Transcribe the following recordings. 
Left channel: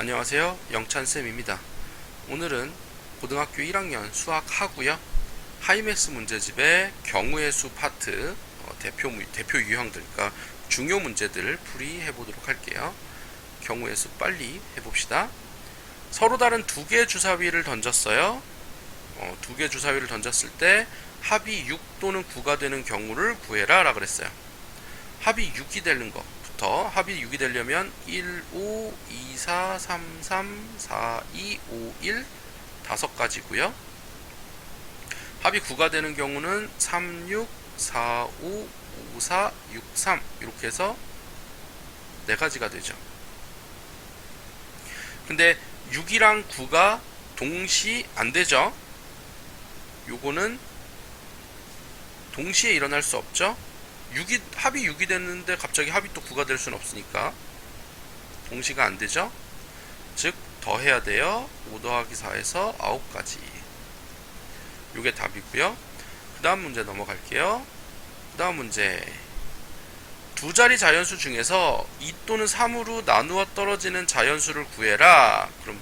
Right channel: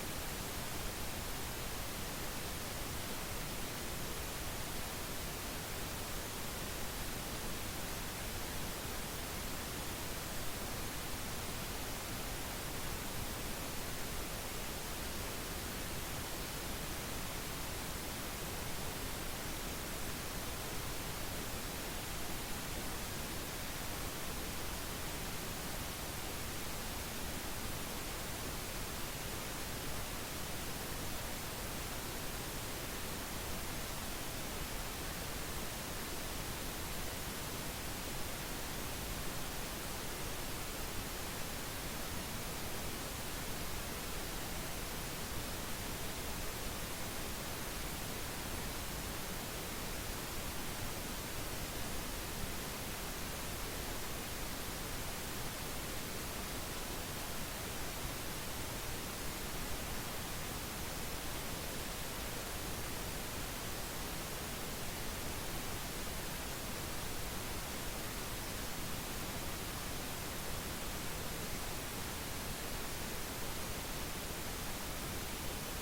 안녕하세요. 영찬쌤입니다. 오늘은 고등학교 1학년 수학 하고요. 하이맥스 문제집의 경우의 수 파트 대표 유형들, 그러니까 중요 문제들을 풀이해 보도록 할게요. 경우의 수 빨리 해봅시다. 서로 다른 두 개의 주사위를 던졌어요. 두 개의 주사위를 던졌을 때 합이 6 또는 9가 되는 경우를 구해라 라고 그랬어요. 합이 6이 되는 것부터, 합이 6이 되려면 1, 5, 2, 4, 3, 3, 4, 2, 5, 1 다섯 가지고요. 합이 9가 되는 경우는 3, 6, 4, 5, 5, 4, 6, 3 이렇게 해서 네 가지가 되죠. 근데 6이랑 9가 동시 안 되죠. 요거는 동시에 일어날 수 없죠. 합이 6이 됐는데 갑자기 합이 또 9가 될 수는 없으니까 동시가 안 되죠. 즉 더해야 돼요. 5 더하기 4에서 9가지. 요게 답이고요. 그 다음 문제 넘어갈게요. 그 다음 문제, 두 자리 자연수 중에서 2 또는 3으로 나누어 떨어지는 자연수를 구해라. 그럼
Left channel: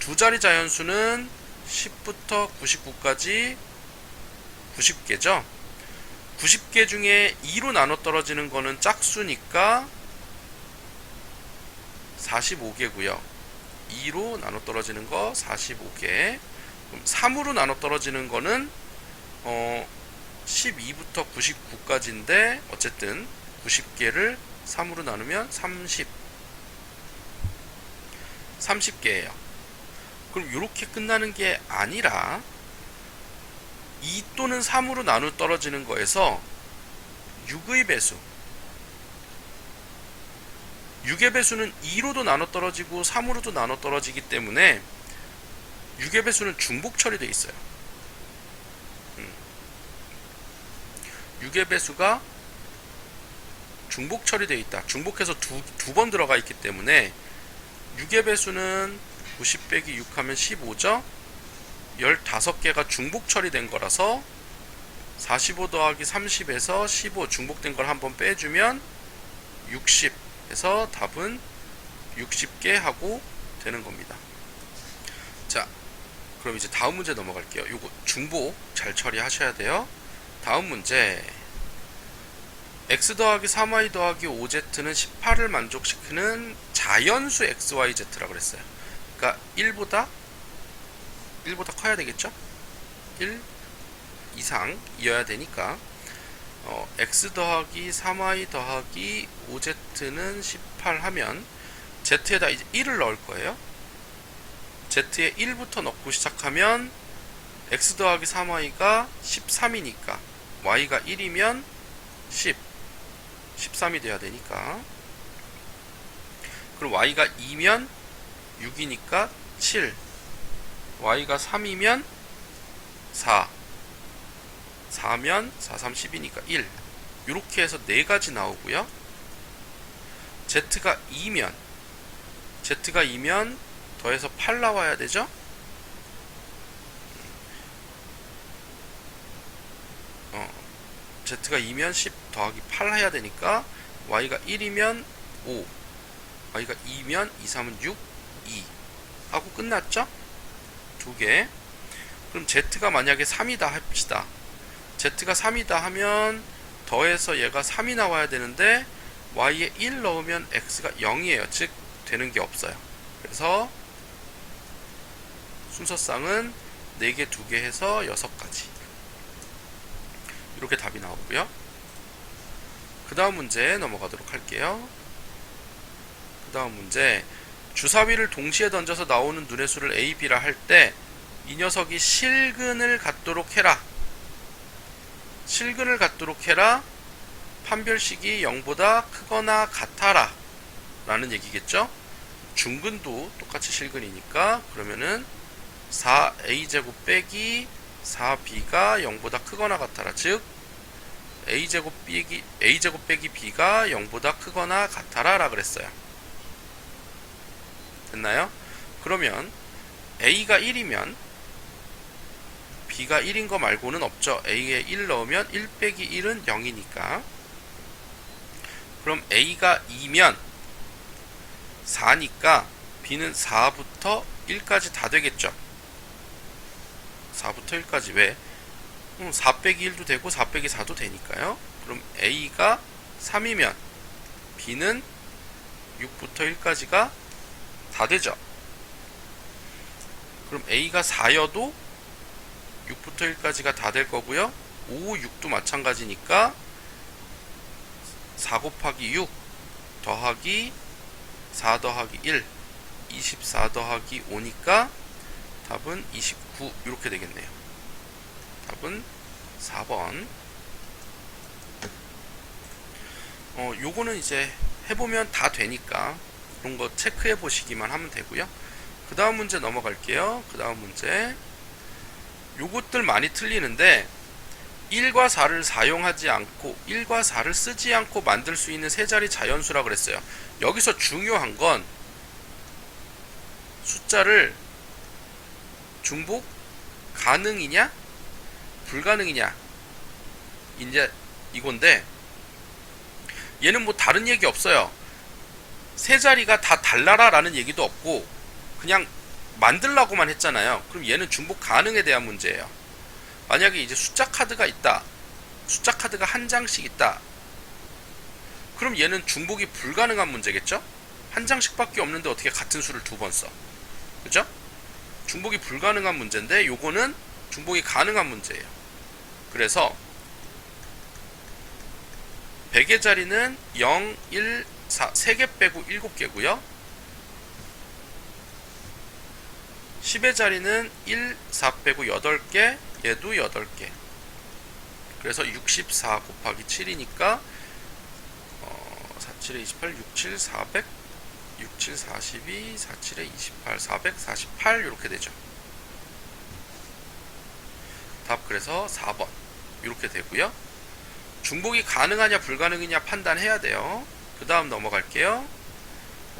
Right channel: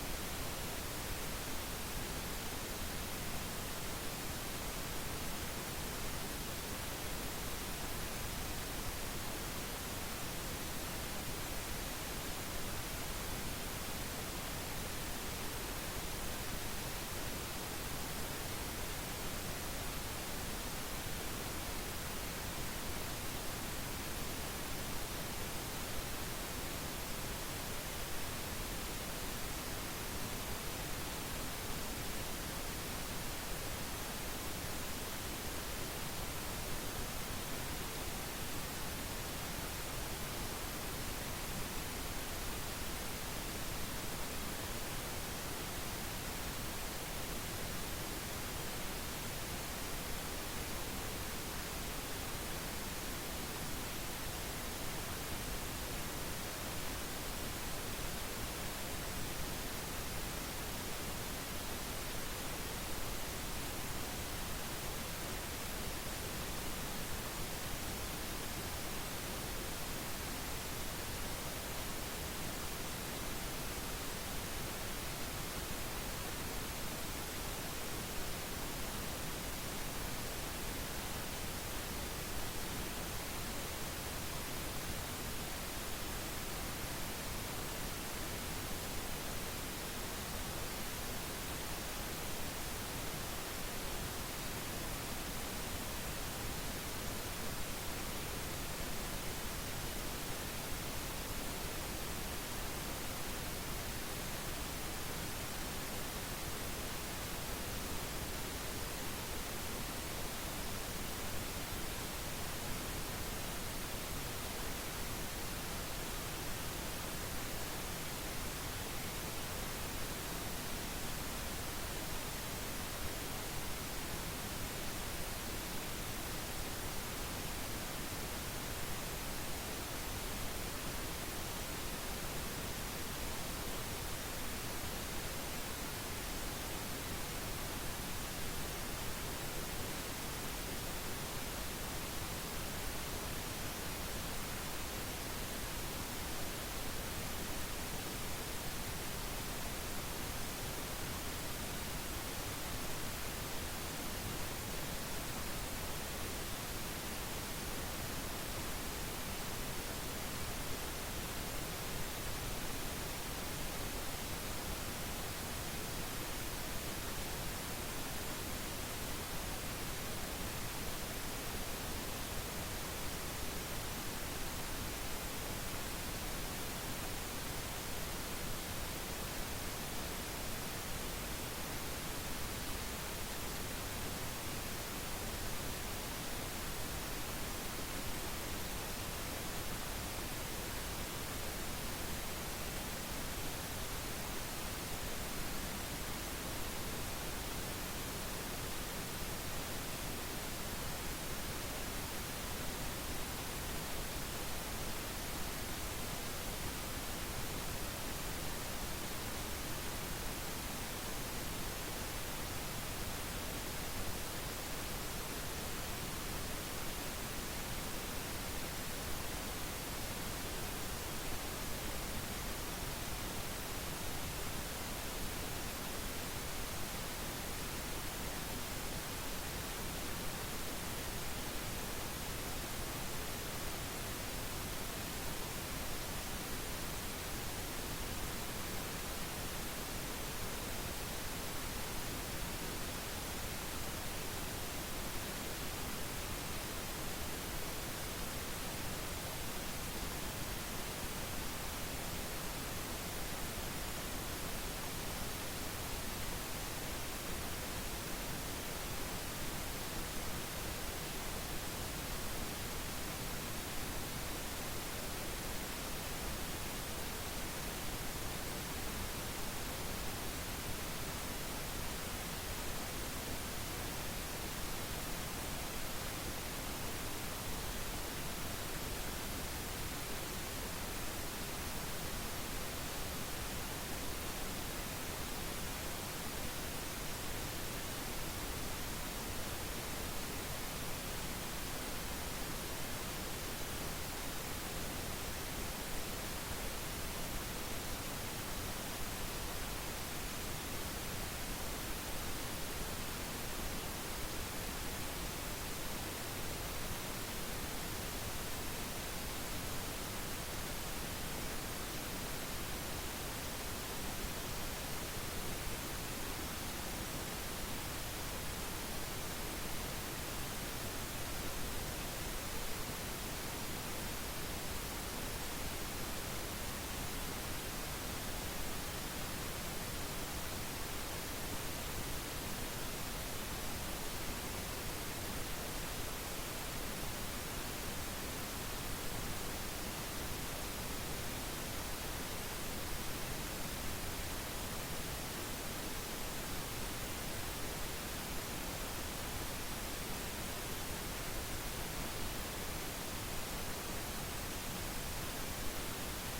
두 자리 자연수는 10부터 99까지 90개죠. 90개 중에 2로 나눠 떨어지는 거는 짝수니까 45개고요. 2로 나눠 떨어지는 거 45개. 3으로 나눠 떨어지는 거는 12부터 99까지인데 어쨌든 90개를 3으로 나누면 30개예요. 그럼 이렇게 끝나는 게 아니라 2 또는 3으로 나누어 떨어지는 거에서 6의 배수, 6의 배수는 2로도 나눠 떨어지고 3으로도 나눠 떨어지기 때문에 6의 배수는 중복 처리되어 있어요. 6의 배수가 중복 처리되어 있다. 중복해서 두 번 들어가 있기 때문에 6의 배수는 90 빼기 6 하면 15죠. 15개가 중복 처리된 거라서 45 더하기 30에서 15 중복된 걸 한번 빼주면 60 해서 답은 60개 하고 되는 겁니다. 자, 그럼 이제 다음 문제 넘어갈게요. 요거 중복 잘 처리하셔야 돼요. 다음 문제, x 더하기 3y 더하기 5z는 18을 만족시키는 자연수 xyz라고 그랬어요. 그러니까 1보다 커야 되겠죠? 1 이상이어야 되니까 x 더하기 3y 더하기 5z는 18 하면 z에다 이제 1을 넣을 거예요. z에 1부터 넣고 시작하면 x 더하기 3y가 13이니까 y가 1이면 13이 돼야 되니까, 그럼 y가 2면 6이니까 7, y가 3이면 4, 4면 4, 3, 10이니까 1. 이렇게 해서 4가지 나오고요. z가 2면 더해서 8 나와야 되죠. z가 2면 10 더하기 8 해야 되니까 y가 1이면 5, y가 2면 2, 3은 6, 2 하고 끝났죠? 두 개. 그럼 z가 만약에 3이다 합시다. z가 3이다 하면 더해서 얘가 3이 나와야 되는데 y에 1 넣으면 x가 0이에요. 즉 되는 게 없어요. 그래서 순서상은 4개, 2개 해서 6가지. 이렇게 답이 나오고요. 그 다음 문제 넘어가도록 할게요. 그 다음 문제, 주사위를 동시에 던져서 나오는 눈의 수를 A, B라 할 때 이 녀석이 실근을 갖도록 해라. 실근을 갖도록 해라. 판별식이 0보다 크거나 같아라 라는 얘기겠죠. 중근도 똑같이 실근이니까 그러면은 4a제곱 빼기 4b가 0보다 크거나 같아라. 즉 a제곱 빼기 b가 0보다 크거나 같아라 라 그랬어요. 됐나요? 그러면 a가 1이면 b가 1인 거 말고는 없죠. a에 1 넣으면 1 빼기 1은 0이니까. 그럼 a가 2면 4니까 b는 4부터 1까지 다 되겠죠. 4부터 1까지 왜? 4 빼기 1도 되고 4 빼기 4도 되니까요. 그럼 a가 3이면 b는 6부터 1까지가 다 되죠. 그럼 a가 4여도 6부터 1까지가 다 될 거고요. 5, 6도 마찬가지니까 4 곱하기 6 더하기 4 더하기 1 24 더하기 5니까 답은 29 이렇게 되겠네요. 답은 4번. 요거는 이제 해보면 다 되니까 그런 거 체크해 보시기만 하면 되고요. 그 다음 문제 넘어갈게요. 그 다음 문제 요것들 많이 틀리는데 1과 4를 사용하지 않고 1과 4를 쓰지 않고 만들 수 있는 세 자리 자연수라 그랬어요. 여기서 중요한 건 숫자를 중복 가능이냐 불가능이냐 이제 이건데 얘는 뭐 다른 얘기 없어요. 세 자리가 다 달라라 라는 얘기도 없고 그냥 만들라고만 했잖아요. 그럼 얘는 중복 가능에 대한 문제예요. 만약에 이제 숫자 카드가 있다, 숫자 카드가 한 장씩 있다, 그럼 얘는 중복이 불가능한 문제겠죠? 한 장씩밖에 없는데 어떻게 같은 수를 두 번 써? 그죠? 중복이 불가능한 문제인데 요거는 중복이 가능한 문제예요. 그래서 100의 자리는 0, 1, 4, 3개 빼고 7개고요. 10의 자리는 1, 4 빼고 8개, 얘도 8개. 그래서 64 곱하기 7이니까 47에 28, 67, 400, 67, 42, 47에 28, 448 이렇게 되죠. 답 그래서 4번 이렇게 되고요. 중복이 가능하냐 불가능이냐 판단해야 돼요. 그 다음 넘어갈게요.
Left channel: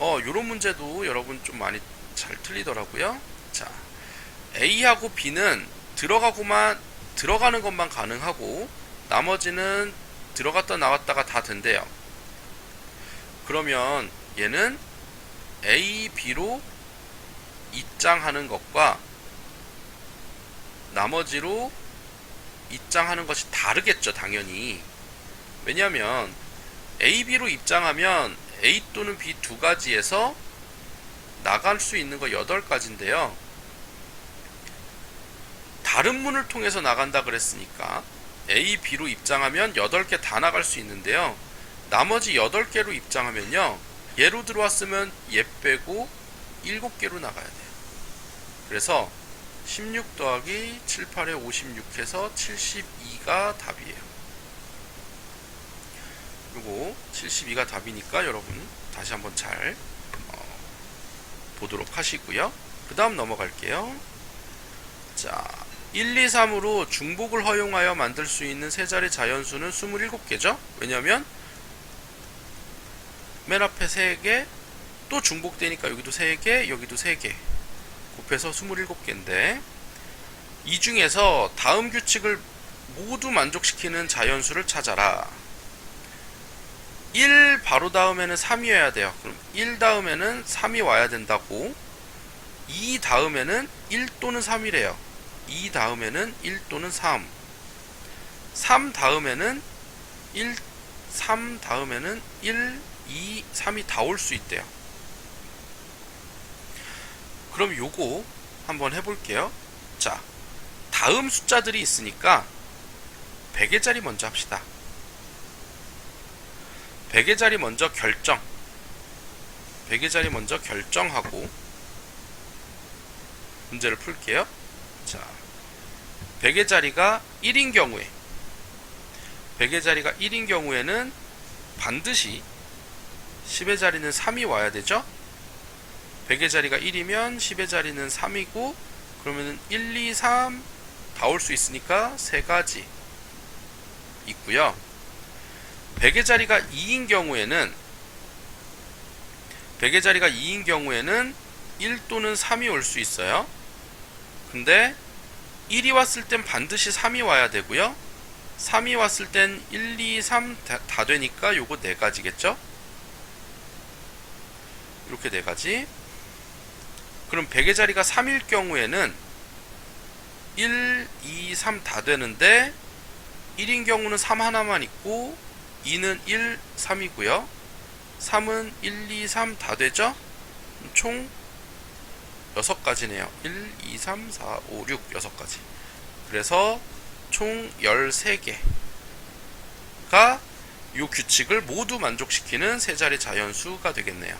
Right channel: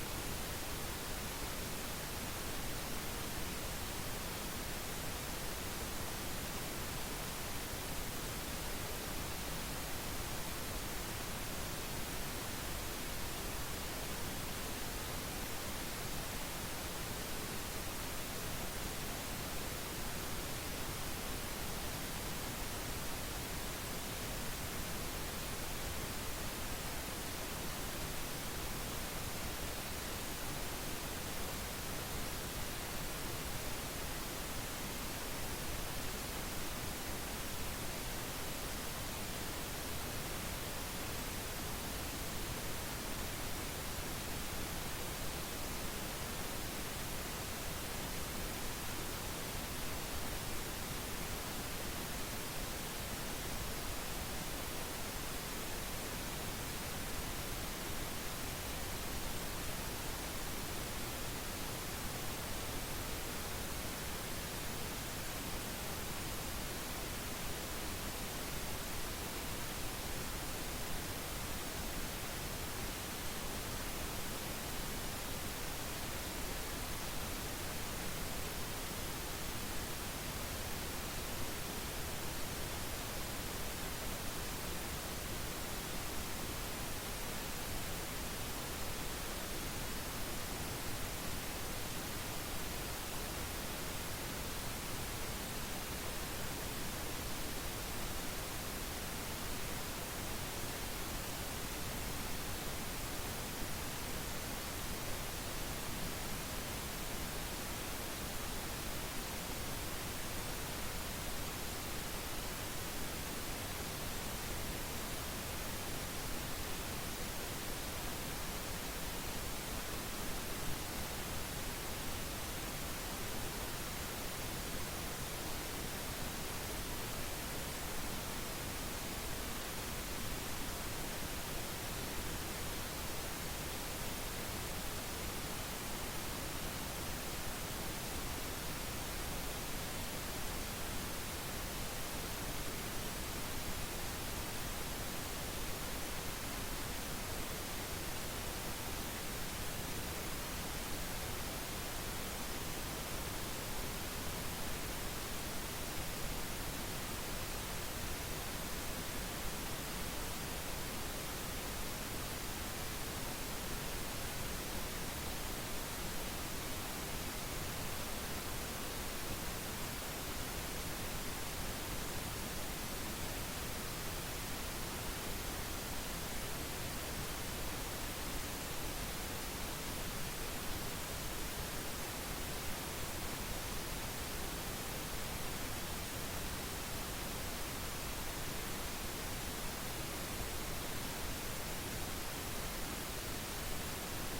요런 문제도 여러분 좀 많이 잘 틀리더라고요. 자, A하고 B는 들어가는 것만 가능하고 나머지는 들어갔다 나왔다가 다 된대요. 그러면 얘는 A, B로 입장하는 것과 나머지로 입장하는 것이 다르겠죠, 당연히. 왜냐하면 A, B로 입장하면 A 또는 B 두 가지에서 나갈 수 있는 거 8가지인데요. 다른 문을 통해서 나간다 그랬으니까 A, B로 입장하면 8개 다 나갈 수 있는데요. 나머지 8개로 입장하면요. 얘로 들어왔으면 얘 빼고 7개로 나가야 돼요. 그래서 16 더하기 7, 8에 56 해서 72가 답이에요. 그리고 72가 답이니까 여러분 다시 한번 잘 보도록 하시고요. 그 다음 넘어갈게요. 자, 1, 2, 3으로 중복을 허용하여 만들 수 있는 세 자리 자연수는 27개죠. 왜냐면 맨 앞에 3개, 또 중복되니까 여기도 3개, 여기도 3개 곱해서 27개인데 이 중에서 다음 규칙을 모두 만족시키는 자연수를 찾아라. 1 바로 다음에는 3이어야 돼요. 그럼 1 다음에는 3이 와야 된다고. 2 다음에는 1 또는 3이래요. 2 다음에는 1 또는 3. 3 다음에는 1, 3 다음에는 1, 2, 3이 다 올 수 있대요. 그럼 요거 한번 해볼게요. 자, 다음 숫자들이 있으니까 100의 자리 먼저 합시다. 100의 자리 먼저 결정. 100의 자리 먼저 결정하고 문제를 풀게요. 자, 100의 자리가 1인 경우에 100의 자리가 1인 경우에는 반드시 10의 자리는 3이 와야 되죠. 100의 자리가 1이면 10의 자리는 3이고 그러면은 1, 2, 3 다 올 수 있으니까 3가지 있고요. 100의 자리가 2인 경우에는 100의 자리가 2인 경우에는 1 또는 3이 올 수 있어요. 근데 1이 왔을 땐 반드시 3이 와야 되고요. 3이 왔을 땐 1, 2, 3 다 되니까 요거 4가지겠죠? 이렇게 4가지. 그럼 100의 자리가 3일 경우에는 1, 2, 3 다 되는데 1인 경우는 3 하나만 있고 2는 1, 3이고요. 3은 1, 2, 3 다 되죠? 총 6가지네요. 1, 2, 3, 4, 5, 6, 6가지. 그래서 총 13개가 이 규칙을 모두 만족시키는 세 자리 자연수가 되겠네요.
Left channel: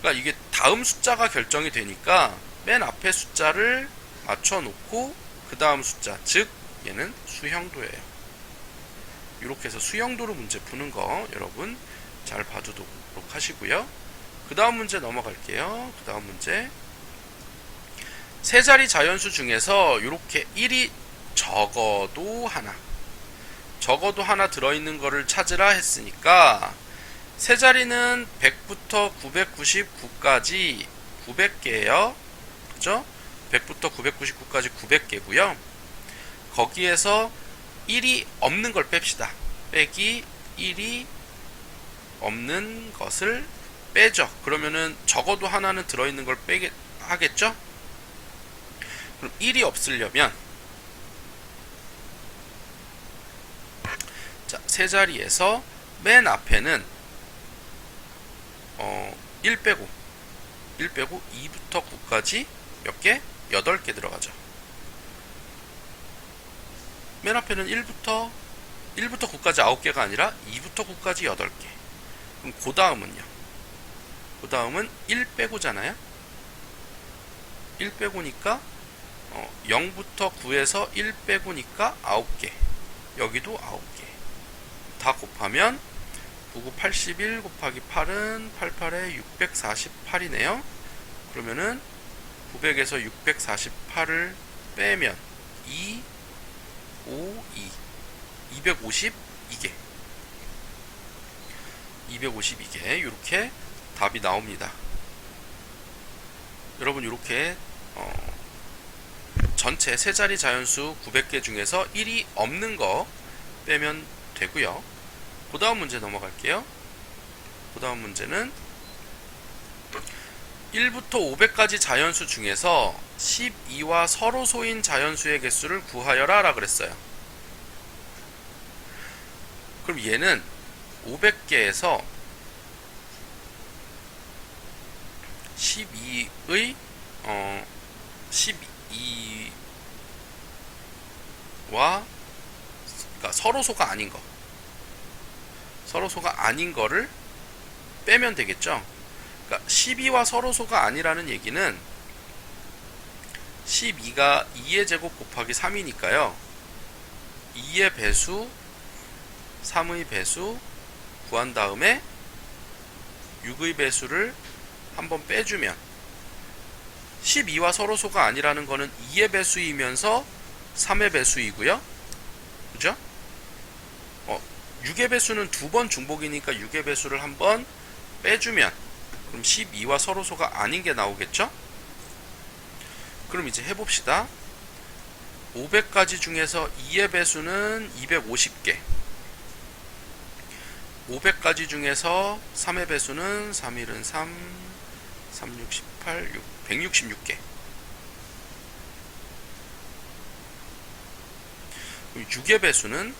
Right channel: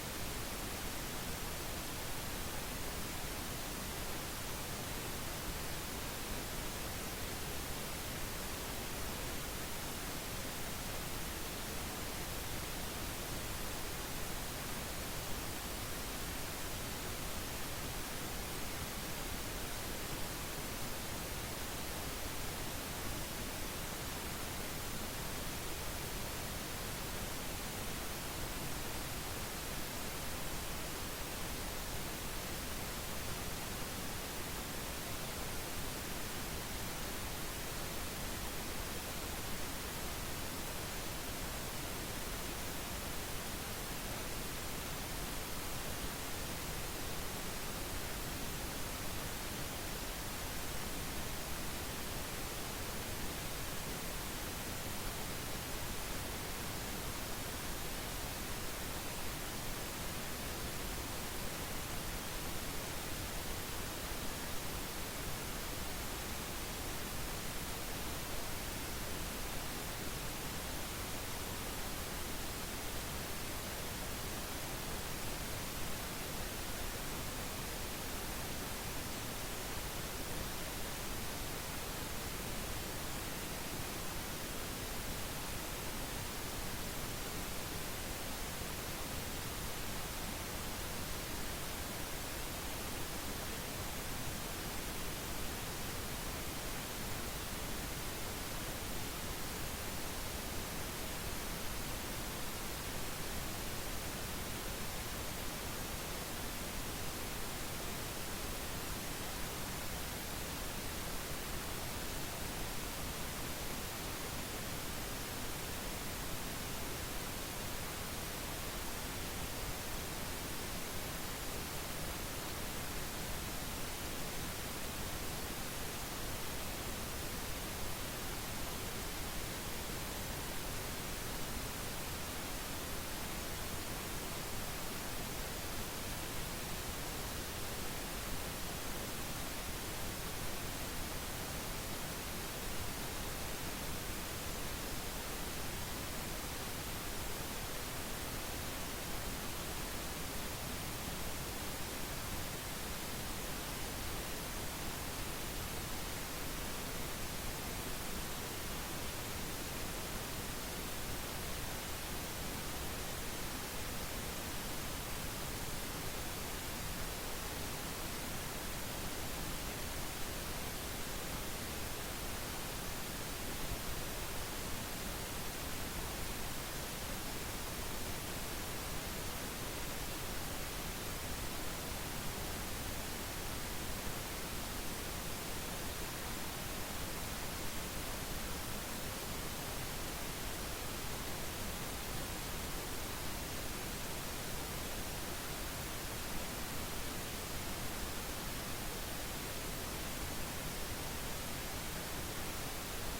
그러니까 이게 다음 숫자가 결정이 되니까 맨 앞에 숫자를 맞춰 놓고 그 다음 숫자, 즉 얘는 수형도예요. 이렇게 해서 수형도로 문제 푸는 거 여러분 잘 봐두도록 하시고요. 그 다음 문제 넘어갈게요. 그 다음 문제, 세 자리 자연수 중에서 이렇게 1이 적어도 하나 들어있는 거를 찾으라 했으니까 세 자리는 100부터 999까지 900개예요. 그죠? 100부터 999까지 900개고요. 거기에서 1이 없는 걸 뺍시다. 빼기 1이 없는 것을 빼죠. 그러면은 적어도 하나는 들어있는 걸 빼게 하겠죠? 그럼 1이 없으려면 자, 세 자리에서 맨 앞에는 1 빼고 2부터 9까지 몇 개? 8개 들어가죠. 맨 앞에는 1부터 9까지 9개가 아니라 2부터 9까지 8개. 그럼 그 다음은요? 그 다음은 1 빼고잖아요? 1 빼고니까 0부터 9에서 1 빼고니까 9개. 여기도 9개. 다 곱하면 99, 81 곱하기 8은 88에 648이네요. 그러면은 900에서 648을 빼면 2, 5, 2, 252개. 252개. 이렇게 답이 나옵니다. 여러분 이렇게 전체 세 자리 자연수 900개 중에서 1이 없는 거 빼면 되고요. 그 다음 문제 넘어갈게요. 그 다음 문제는 1부터 500까지 자연수 중에서 12와 서로소인 자연수의 개수를 구하여라 라 그랬어요. 그럼 얘는 500개에서 12의 12와 그러니까 서로소가 아닌 거를 빼면 되겠죠. 그러니까 12와 서로소가 아니라는 얘기는 12가 2의 제곱 곱하기 3이니까요. 2의 배수, 3의 배수 구한 다음에 6의 배수를 한번 빼주면 12와 서로소가 아니라는 거는 2의 배수이면서 3의 배수이고요. 그죠? 6의 배수는 두 번 중복이니까 6의 배수를 한번 빼주면 그럼 12와 서로소가 아닌 게 나오겠죠? 그럼 이제 해봅시다. 500가지 중에서 2의 배수는 250개, 500가지 중에서 3의 배수는 3일은 3, 3, 6, 18, 166개. 6의 배수는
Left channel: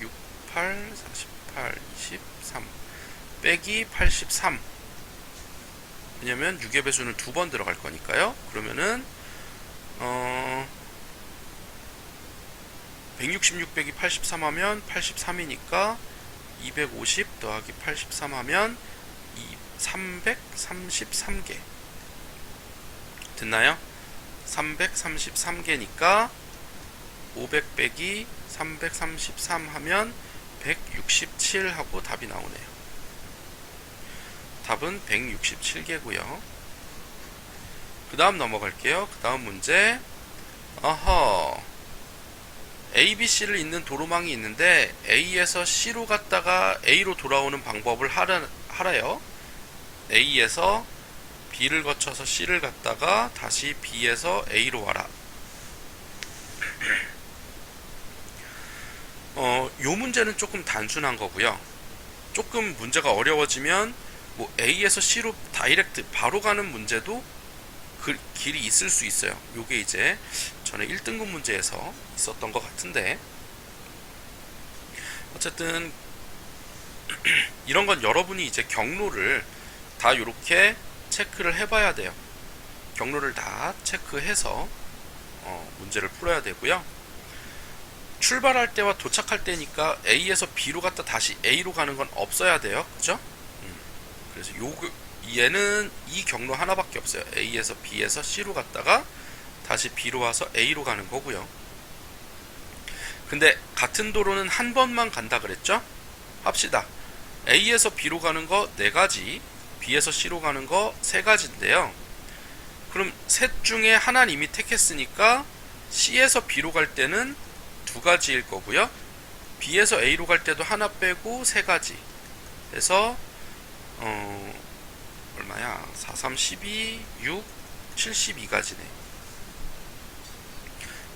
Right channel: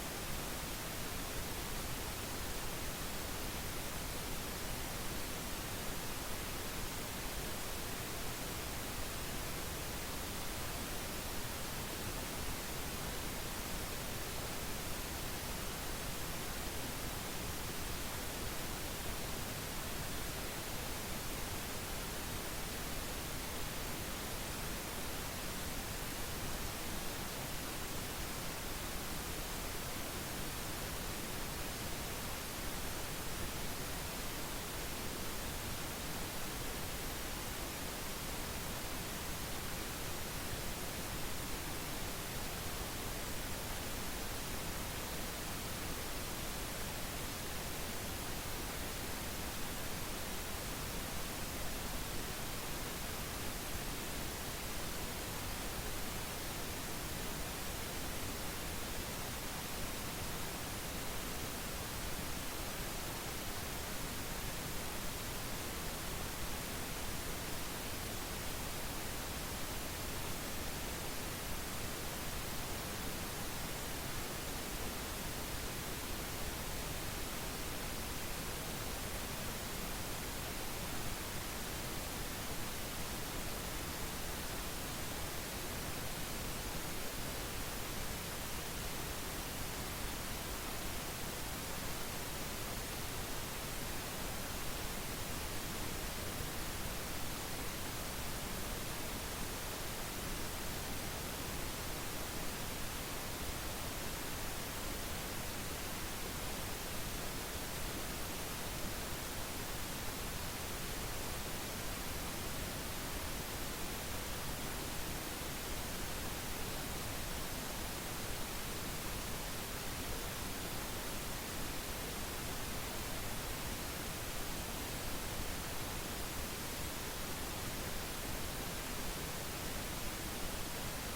6, 8, 48, 13 빼기 83. 왜냐면 6의 배수는 두 번 들어갈 거니까요. 그러면은 166 빼기 83 하면 83이니까 250 더하기 83 하면 333개. 됐나요? 333개니까 500 빼기 333 하면 167 하고 답이 나오네요. 답은 167개고요. 그 다음 넘어갈게요. 그 다음 문제. A, B, C를 잇는 도로망이 있는데 A에서 C로 갔다가 A로 돌아오는 방법을 하래요. A에서 B를 거쳐서 C를 갔다가 다시 B에서 A로 와라. 요 문제는 조금 단순한 거고요. 조금 문제가 어려워지면 뭐 A에서 C로 다이렉트 바로 가는 문제도 길이 있을 수 있어요. 요게 이제 전에 1등급 문제에서 있었던 것 같은데, 어쨌든 이런 건 여러분이 이제 경로를 다 이렇게 체크를 해봐야 돼요. 경로를 다 체크해서 문제를 풀어야 되고요. 출발할 때와 도착할 때니까 A에서 B로 갔다 다시 A로 가는 건 없어야 돼요. 그죠? 그래서 얘는 이 경로 하나밖에 없어요. A에서 B에서 C로 갔다가 다시 B로 와서 A로 가는 거고요. 근데 같은 도로는 한 번만 간다 그랬죠? 합시다. A에서 B로 가는 거 4가지, B에서 C로 가는 거 3가지인데요. 그럼 셋 중에 하나는 이미 택했으니까 C에서 B로 갈 때는 2가지일 거고요. B에서 A로 갈 때도 하나 빼고 3가지. 그래서 얼마야? 4, 3, 12, 6, 72가지네.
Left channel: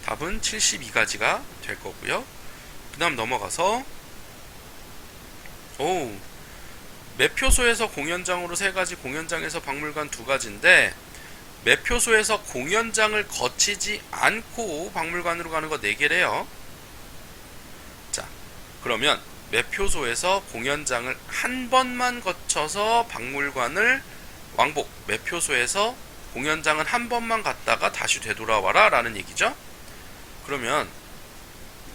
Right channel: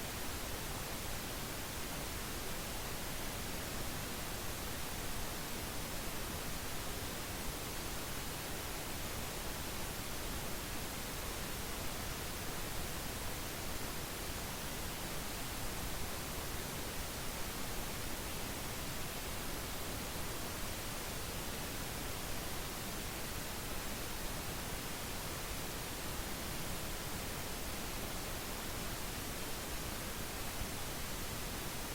답은 72가지가 될 거고요. 그 다음 넘어가서 매표소에서 공연장으로 3가지, 공연장에서 박물관 2가지인데 매표소에서 공연장을 거치지 않고 박물관으로 가는 거 4개래요. 자, 그러면 매표소에서 공연장을 한 번만 거쳐서 박물관을 왕복, 매표소에서 공연장은 한 번만 갔다가 다시 되돌아와라 라는 얘기죠. 그러면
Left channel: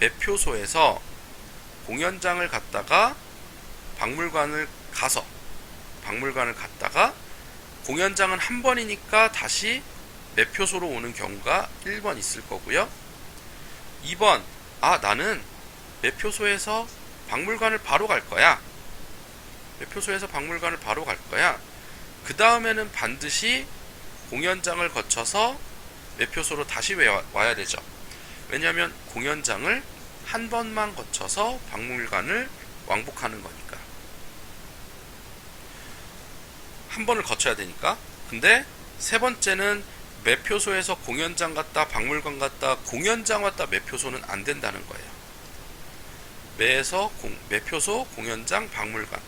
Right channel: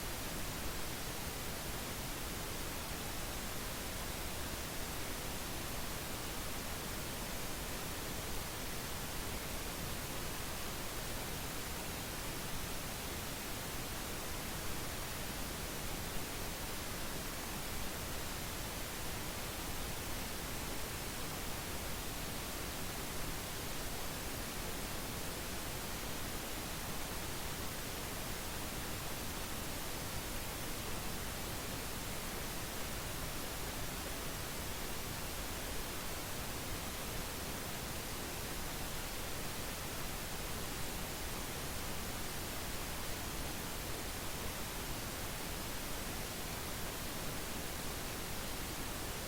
매표소에서 공연장을 갔다가 박물관을 갔다가 공연장은 한 번이니까 다시 매표소로 오는 경우가 1번 있을 거고요. 2번, 나는 매표소에서 박물관을 바로 갈 거야. 매표소에서 박물관을 바로 갈 거야. 그 다음에는 반드시 공연장을 거쳐서 매표소로 다시 와야 되죠. 왜냐하면 공연장을 한 번만 거쳐서 박물관을 왕복하는 거니까. 한 번을 거쳐야 되니까. 근데 세 번째는 매표소에서 공연장 갔다 박물관 갔다 공연장 왔다 매표소는 안 된다는 거예요. 매표소 공연장 박물관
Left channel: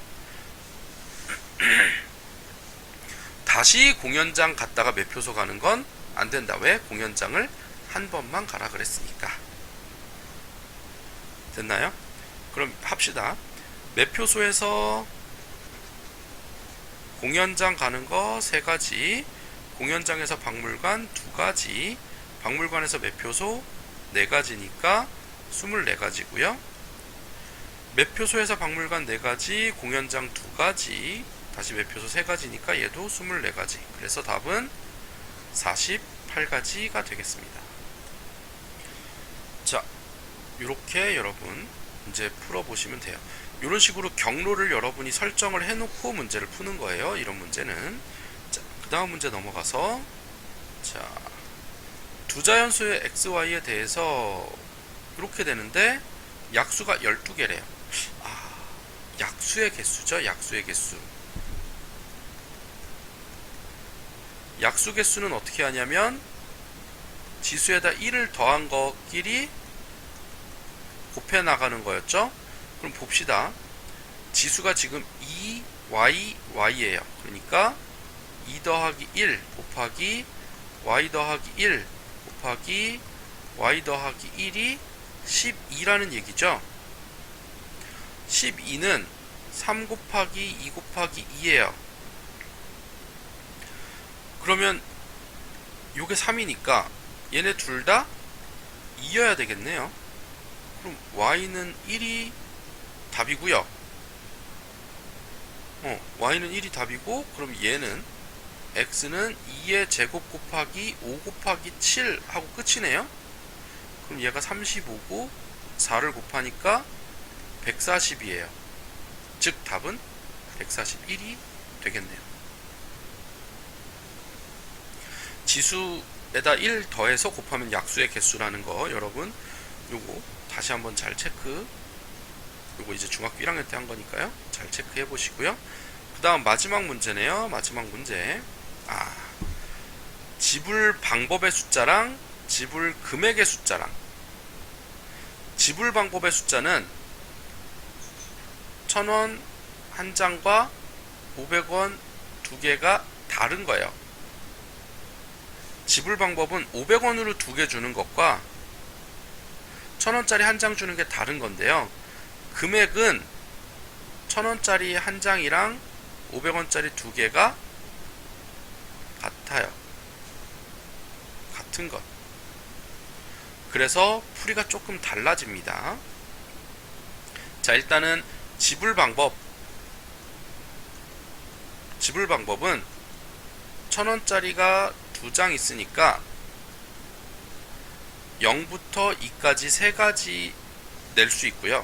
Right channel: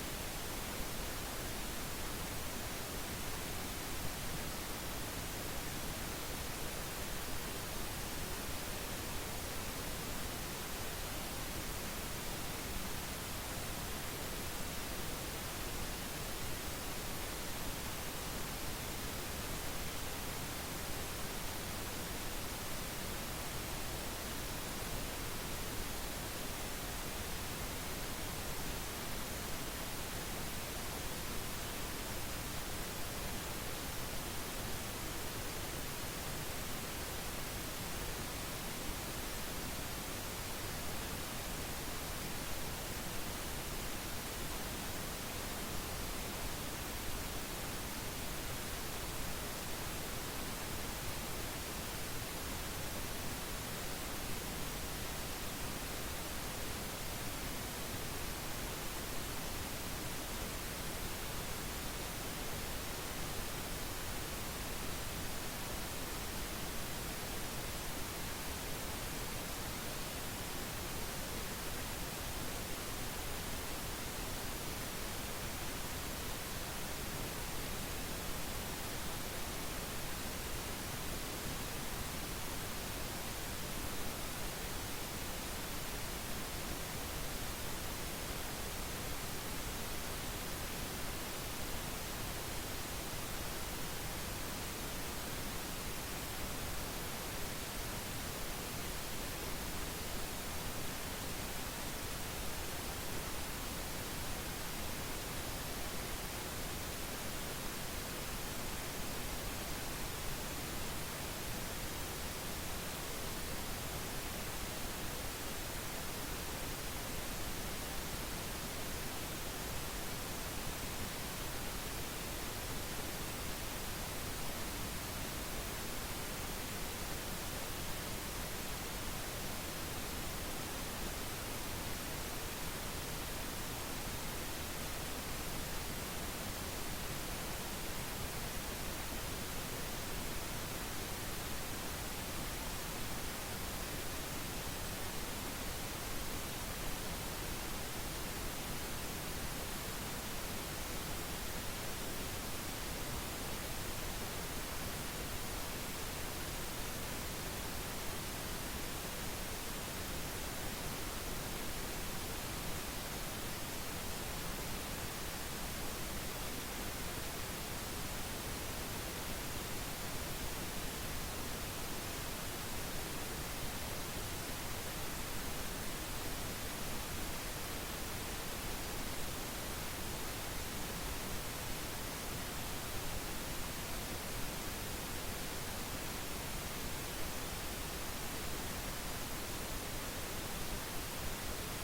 다시 공연장 갔다가 매표소 가는 건 안 된다. 왜? 공연장을 한 번만 가라 그랬으니까. 됐나요? 그럼 합시다. 매표소에서 공연장 가는 거 3가지, 공연장에서 박물관 2가지, 박물관에서 매표소 4가지니까 24가지고요. 매표소에서 박물관 4가지, 공연장 2가지, 다시 매표소 3가지니까 얘도 24가지. 그래서 답은 48가지가 되겠습니다. 자, 이렇게 여러분 문제 풀어보시면 돼요. 이런 식으로 경로를 여러분이 설정을 해놓고 문제를 푸는 거예요. 이런 문제는. 자, 그 다음 문제 넘어가서, 자, 두 자연수의 xy에 대해서 이렇게 되는데 약수가 12개래요. 약수의 개수죠. 약수의 개수. 약수 개수는 어떻게 하냐면 지수에다 1을 더한 것끼리 곱해 나가는 거였죠. 그럼 봅시다. 지수가 지금 2y예요. 그러니까 2 더하기 1 곱하기 y 더하기 1 곱하기 y 더하기 1이 12라는 얘기죠. 12는 3 곱하기 2 곱하기 2예요. 그러면 요게 3이니까 얘네 둘 다 2여야 되겠네요. 그럼 y는 1이 답이고요. y는 1이 답이고, 그럼 얘는 x는 2의 제곱 곱하기 5 곱하기 7 하고 끝이네요. 그럼 얘가 35고 4를 곱하니까 140이에요. 즉 답은 141이 되겠네요. 지수에다 1 더해서 곱하면 약수의 개수라는 거 여러분 요거 다시 한번 잘 체크, 요거 이제 중학교 1학년 때 한 거니까요. 잘 체크해 보시고요. 그 다음 마지막 문제네요. 마지막 문제. 지불 방법의 숫자랑 지불 금액의 숫자랑. 지불 방법의 숫자는 1000원 한 장과 500원 두 개가 다른 거예요. 지불 방법은 500원으로 2개 주는 것과 1000원짜리 한 장 주는 게 다른 건데요. 금액은 1000원짜리 한 장이랑 500원짜리 2개가 같아요. 같은 것. 그래서 풀이가 조금 달라집니다. 자, 일단은 지불 방법은 1000원짜리가 2장 있으니까 0부터 2까지 3가지 낼 수 있고요.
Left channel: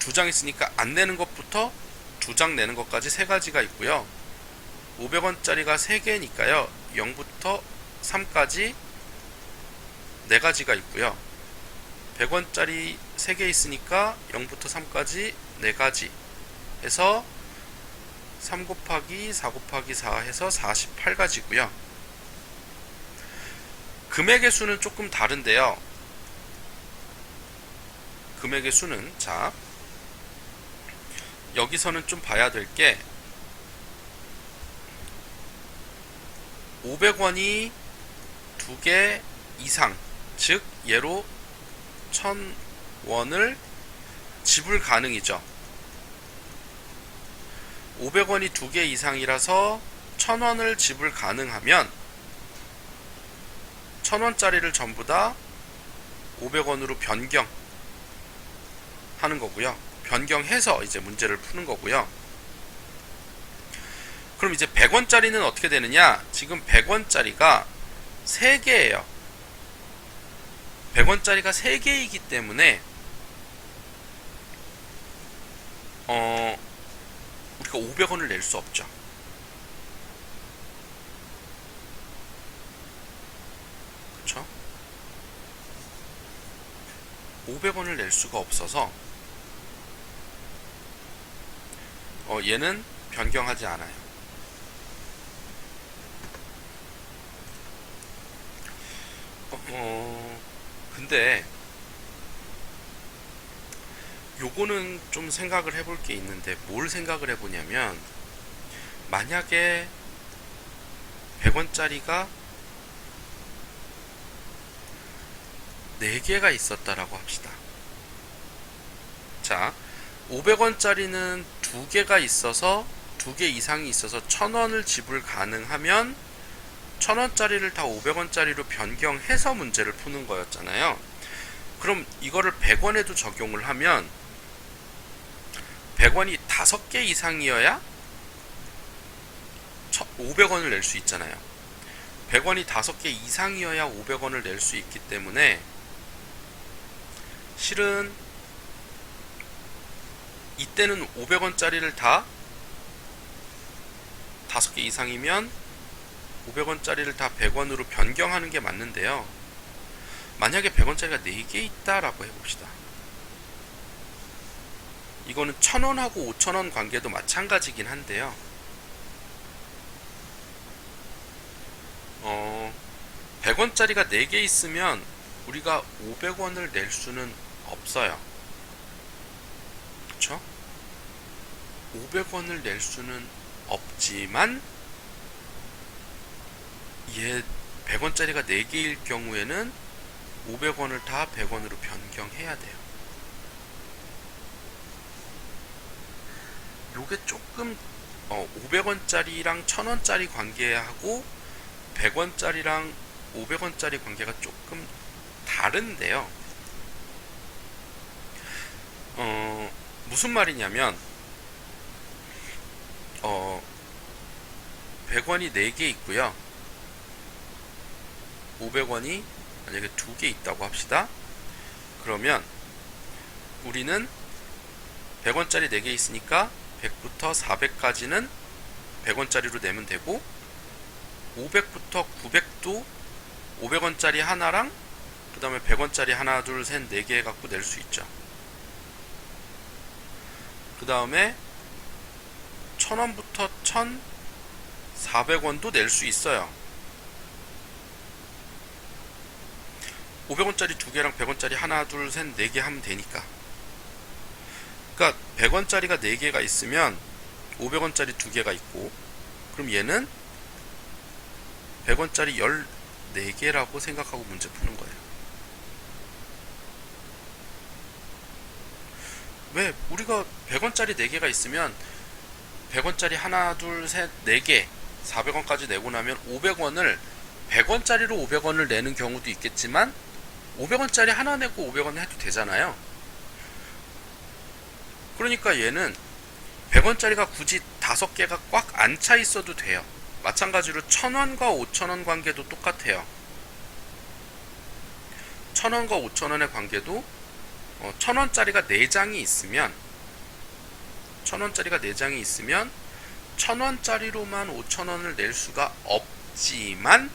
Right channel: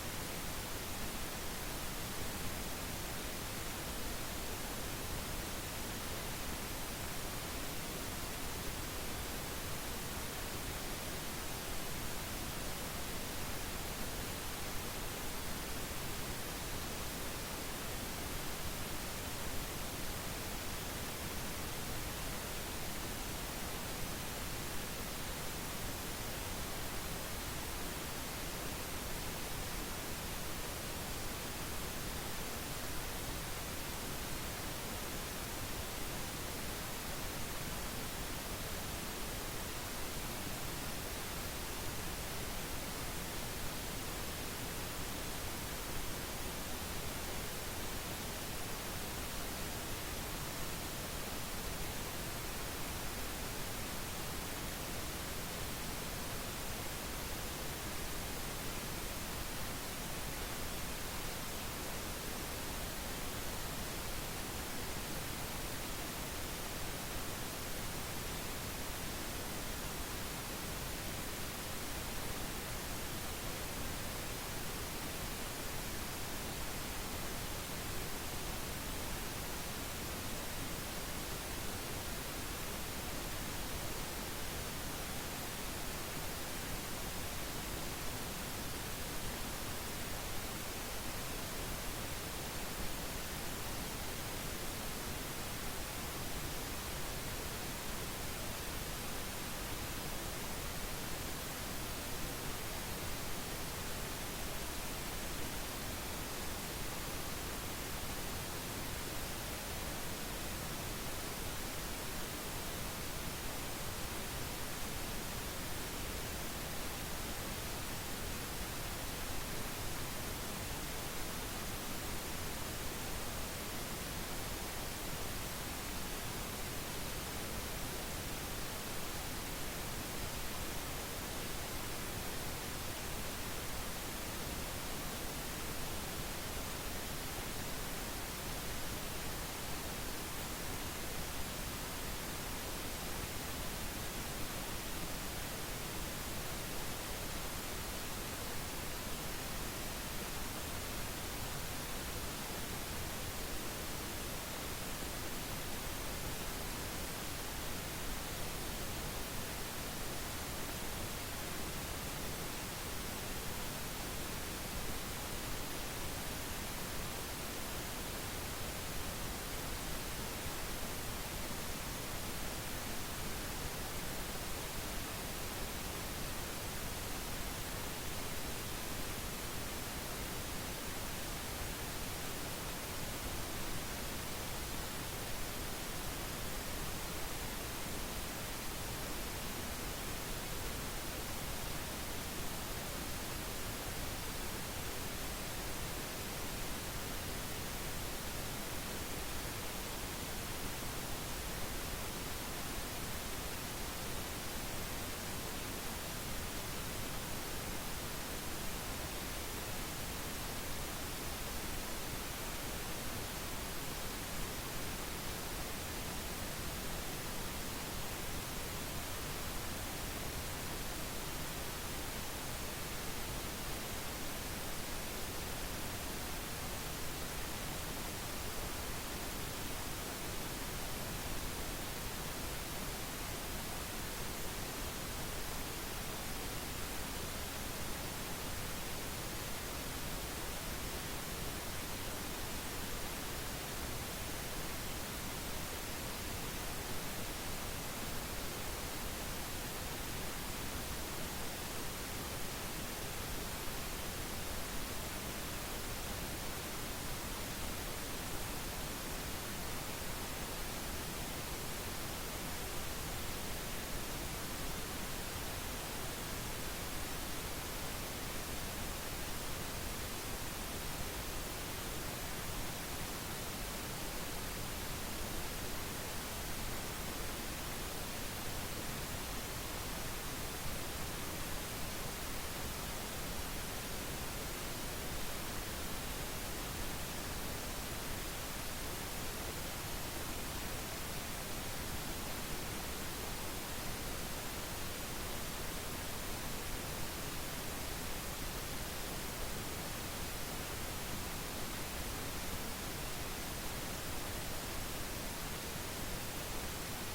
두 장 있으니까 안 내는 것부터 2장 내는 것까지 3가지가 있고요. 500원짜리가 3개니까요. 0부터 3까지 4가지가 있고요. 100원짜리 3개 있으니까 0부터 3까지 4가지 해서 3 곱하기 4 곱하기 4 해서 48가지고요. 금액의 수는 조금 다른데요. 금액의 수는, 자, 여기서는 좀 봐야 될 게 500원이 2개 이상, 즉 얘로 1000원을 지불 가능이죠. 500원이 2개 이상이라서 1000원을 지불 가능하면 1000원짜리를 전부 다 500원으로 변경하는 거고요. 변경해서 이제 문제를 푸는 거고요. 그럼 이제 100원짜리는 어떻게 되느냐? 지금 100원짜리가 3개예요. 100원짜리가 3개이기 때문에 우리가 500원을 낼 수 없죠. 그렇죠? 500원을 낼 수가 없어서 얘는 변경하지 않아요. 근데 요거는 좀 생각을 해볼 게 있는데, 뭘 생각을 해보냐면, 만약에 100원짜리가 4개가 있었다라고 합시다. 자, 500원짜리는 2개가 있어서 2개 이상이 있어서 1000원을 지불 가능하면 1000원짜리를 다 500원짜리로 변경해서 문제를 푸는 거였잖아요. 그럼 이거를 100원에도 적용을 하면 100원이 5개 이상이어야 500원을 낼 수 있잖아요. 100원이 5개 이상이어야 500원을 낼 수 있기 때문에 실은 이때는 500원짜리를 다 5개 이상이면 500원짜리를 다 100원으로 변경하는 게 맞는데요. 만약에 100원짜리가 4개 있다라고 해봅시다. 이거는 1000원하고 5000원 관계도 마찬가지긴 한데요. 100원짜리가 4개 있으면 우리가 500원을 낼 수는 없어요. 그쵸? 500원을 낼 수는 없지만 얘 100원짜리가 4개일 경우에는 500원을 다 100원으로 변경해야 돼요. 요게 조금 500원짜리랑 1000원짜리 관계하고 100원짜리랑 500원짜리 관계가 조금 다른데요. 무슨 말이냐면 100원이 4개 있고요. 500원이 만약에 2개 있다고 합시다. 그러면 우리는 100원짜리 4개 있으니까 100부터 400까지는 100원짜리로 내면 되고, 500부터 900도 500원짜리 하나랑 그 다음에 100원짜리 하나 둘 셋 4개 해갖고 낼 수 있죠. 그 다음에 1000원부터 1400원도 낼 수 있어요. 500원짜리 2개랑 100원짜리 하나 둘 셋 4개 하면 되니까. 그러니까 100원짜리가 4개가 있으면 500원짜리 2개가 있고, 그럼 얘는 100원짜리 14개라고 생각하고 문제 푸는 거예요. 왜? 우리가 100원짜리 4개가 있으면 100원짜리 하나, 둘, 셋, 4개, 400원까지 내고 나면 500원을 100원짜리로 500원을 내는 경우도 있겠지만 500원짜리 하나 내고 500원 해도 되잖아요. 그러니까 얘는 100원짜리가 굳이 5개가 꽉 안 차 있어도 돼요. 마찬가지로 1000원과 5000원 관계도 똑같아요. 1000원과 5000원의 관계도 1000원짜리가 4장이 있으면 1000원짜리로만 5000원을 낼 수가 없지만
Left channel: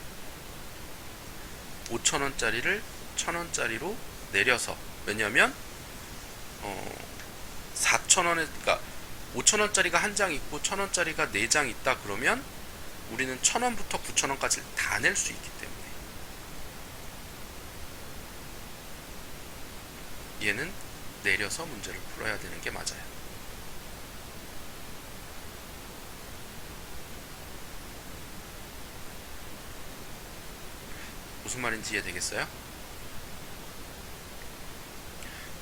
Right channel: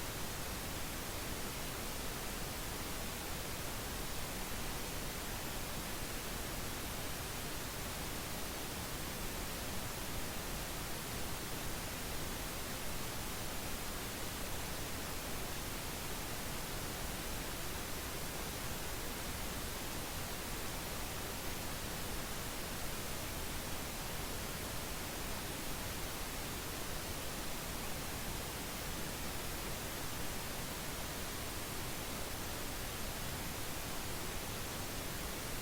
5000원짜리를 1000원짜리로 내려서, 왜냐면 4000원에, 그러니까 5000원짜리가 한 장 있고 1000원짜리가 4장 있다 그러면 우리는 1000원부터 9000원까지 다 낼 수 있기 때문에 얘는 내려서 문제를 풀어야 되는 게 맞아요. 무슨 말인지 이해되겠어요?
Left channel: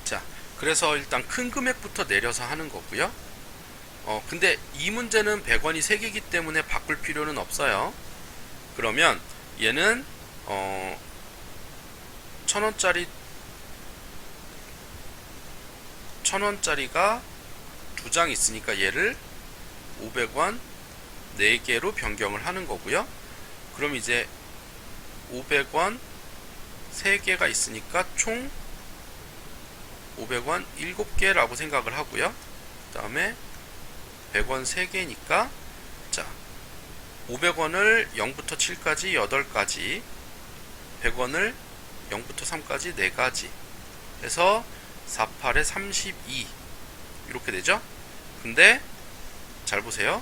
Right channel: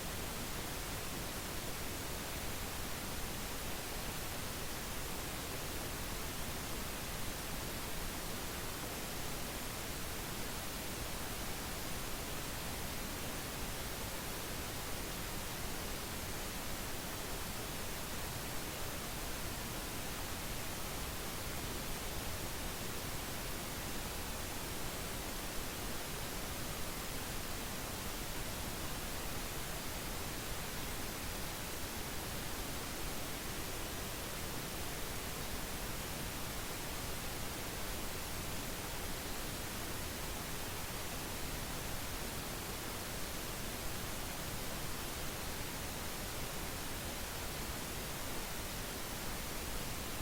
자, 그래서 일단 큰 금액부터 내려서 하는 거고요. 근데 이 문제는 100원이 3개이기 때문에 바꿀 필요는 없어요. 그러면 얘는 1000원짜리가 2장 있으니까 얘를 500원 4개로 변경을 하는 거고요. 그럼 이제 500원 3개가 있으니까 총 500원 7개라고 생각을 하고요. 그 다음에 100원 3개니까, 자, 500원을 0부터 7까지 8가지, 100원을 0부터 3까지 4가지 해서 4, 8에 32 이렇게 되죠. 근데 잘 보세요.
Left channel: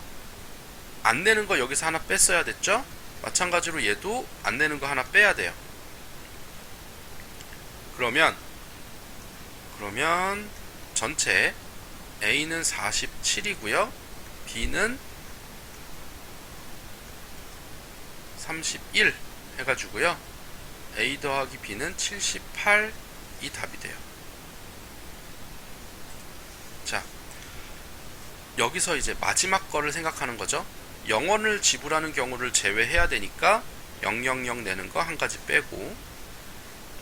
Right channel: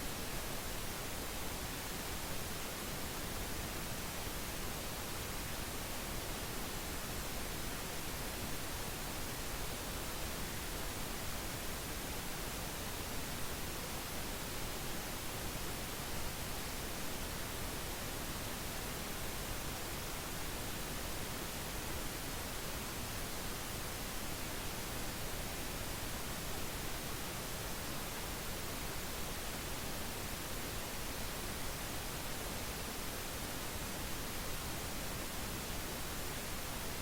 안 내는 거 여기서 하나 뺐어야 됐죠. 마찬가지로 얘도 안 내는 거 하나 빼야 돼요. 그러면 전체 A는 47이고요. B는 31 해가지고요. A 더하기 B는 78이 답이 돼요. 자, 여기서 이제 마지막 거를 생각하는 거죠. 0원을 지불하는 경우를 제외해야 되니까 000 내는 거 한 가지 빼고,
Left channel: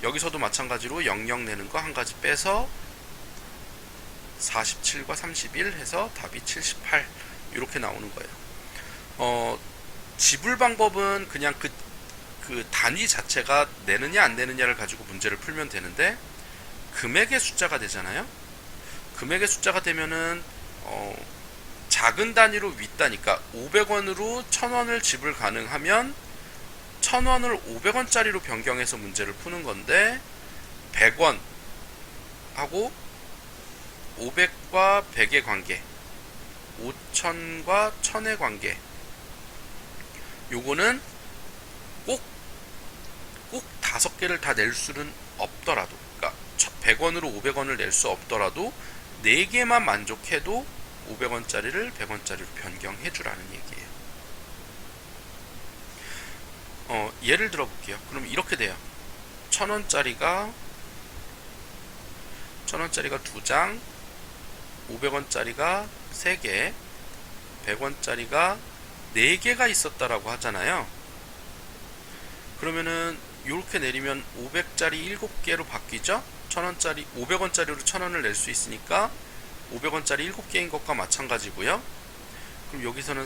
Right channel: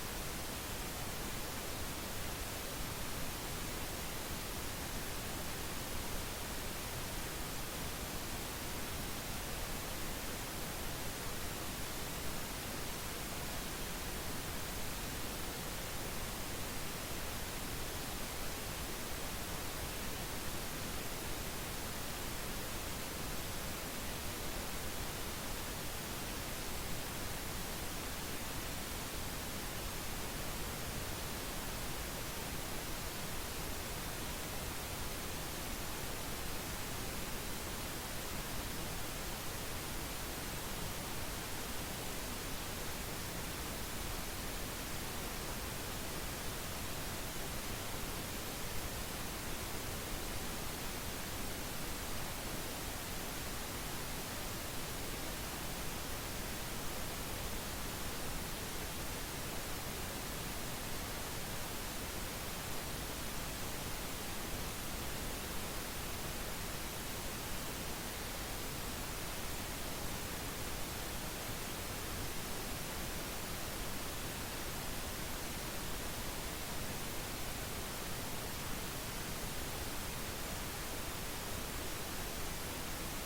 여기서도 마찬가지로 00 내는 거 한 가지 빼서 47과 31 해서 답이 78 이렇게 나오는 거예요. 지불 방법은 그냥 그 단위 자체가 내느냐 안 내느냐를 가지고 문제를 풀면 되는데, 금액의 숫자가 되잖아요. 금액의 숫자가 되면은 작은 단위로 윗단위니까 500원으로 1000원을 지불 가능하면 1000원을 500원짜리로 변경해서 문제를 푸는 건데, 100원 하고 500과 100의 관계, 5000과 1000의 관계, 요거는 꼭 5개를 다 낼 수는 없더라도, 그러니까 100원으로 500원을 낼 수 없더라도 4개만 만족해도 500원짜리를 100원짜리로 변경해 주라는 얘기예요. 예를 들어 볼게요. 그럼 이렇게 돼요. 1000원짜리가 2장, 500원짜리가 3개, 100원짜리가 4개가 있었다라고 하잖아요. 그러면은 이렇게 내리면 500짜리 7개로 바뀌죠? 500원짜리로 1000원을 낼 수 있으니까 500원짜리 7개인 것과 마찬가지고요. 그럼 여기서는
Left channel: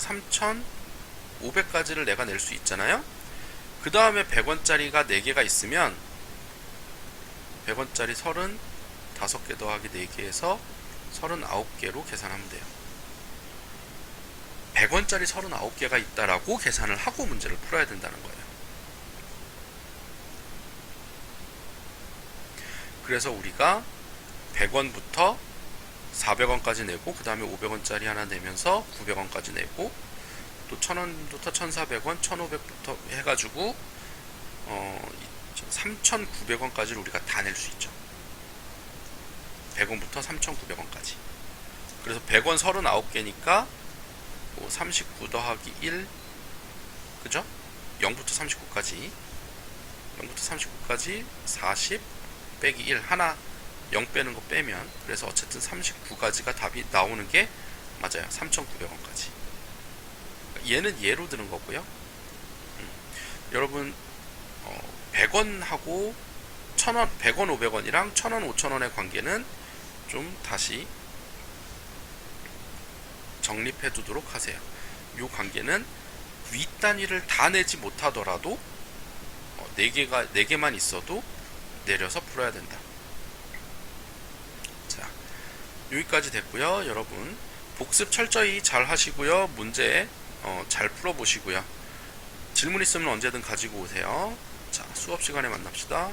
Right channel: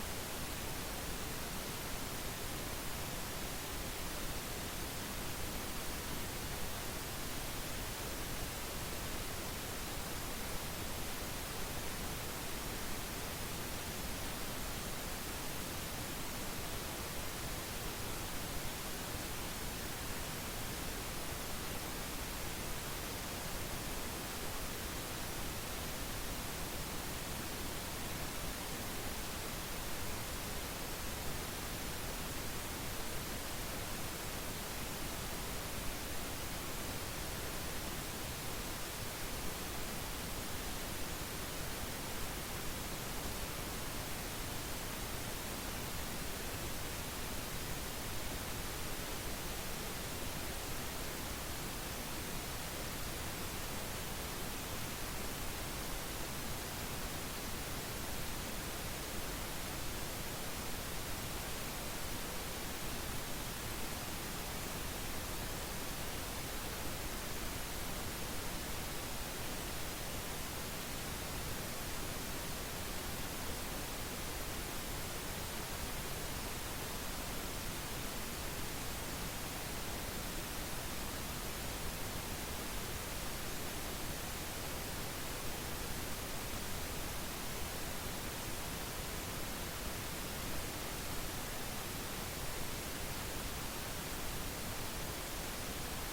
3,500까지를 내가 낼 수 있잖아요. 그 다음에 100원짜리가 4개가 있으면 100원짜리 35개 더하기 4개에서 39개로 계산하면 돼요. 100원짜리 39개가 있다라고 계산을 하고 문제를 풀어야 된다는 거예요. 그래서 우리가 100원부터 400원까지 내고, 그 다음에 500원짜리 하나 내면서 900원까지 내고, 또 1000원부터 1400원, 1500부터 해가지고 3900원까지를 우리가 다 낼 수 있죠. 100원부터 3900원까지. 그래서 100원 39개니까 뭐 39 더하기 1, 그죠? 0부터 39까지 40 빼기 1 하나 0 빼는 거 빼면, 그래서 어쨌든 39가지가 답이 나오는 게 맞아요. 3,900원까지. 얘는 예로 드는 거고요. 여러분 100원하고 1000원, 100원, 500원이랑 1000원, 5000원의 관계는 좀 다시 정립해 두도록 하세요. 이 관계는 윗단위를 다 내지 못하더라도 4개만 있어도 내려서 풀어야 된다. 자, 여기까지 됐고요. 여러분 복습 철저히 잘 하시고요. 문제 잘 풀어보시고요. 질문 있으면 언제든 가지고 오세요. 자, 수업 시간에 만납시다.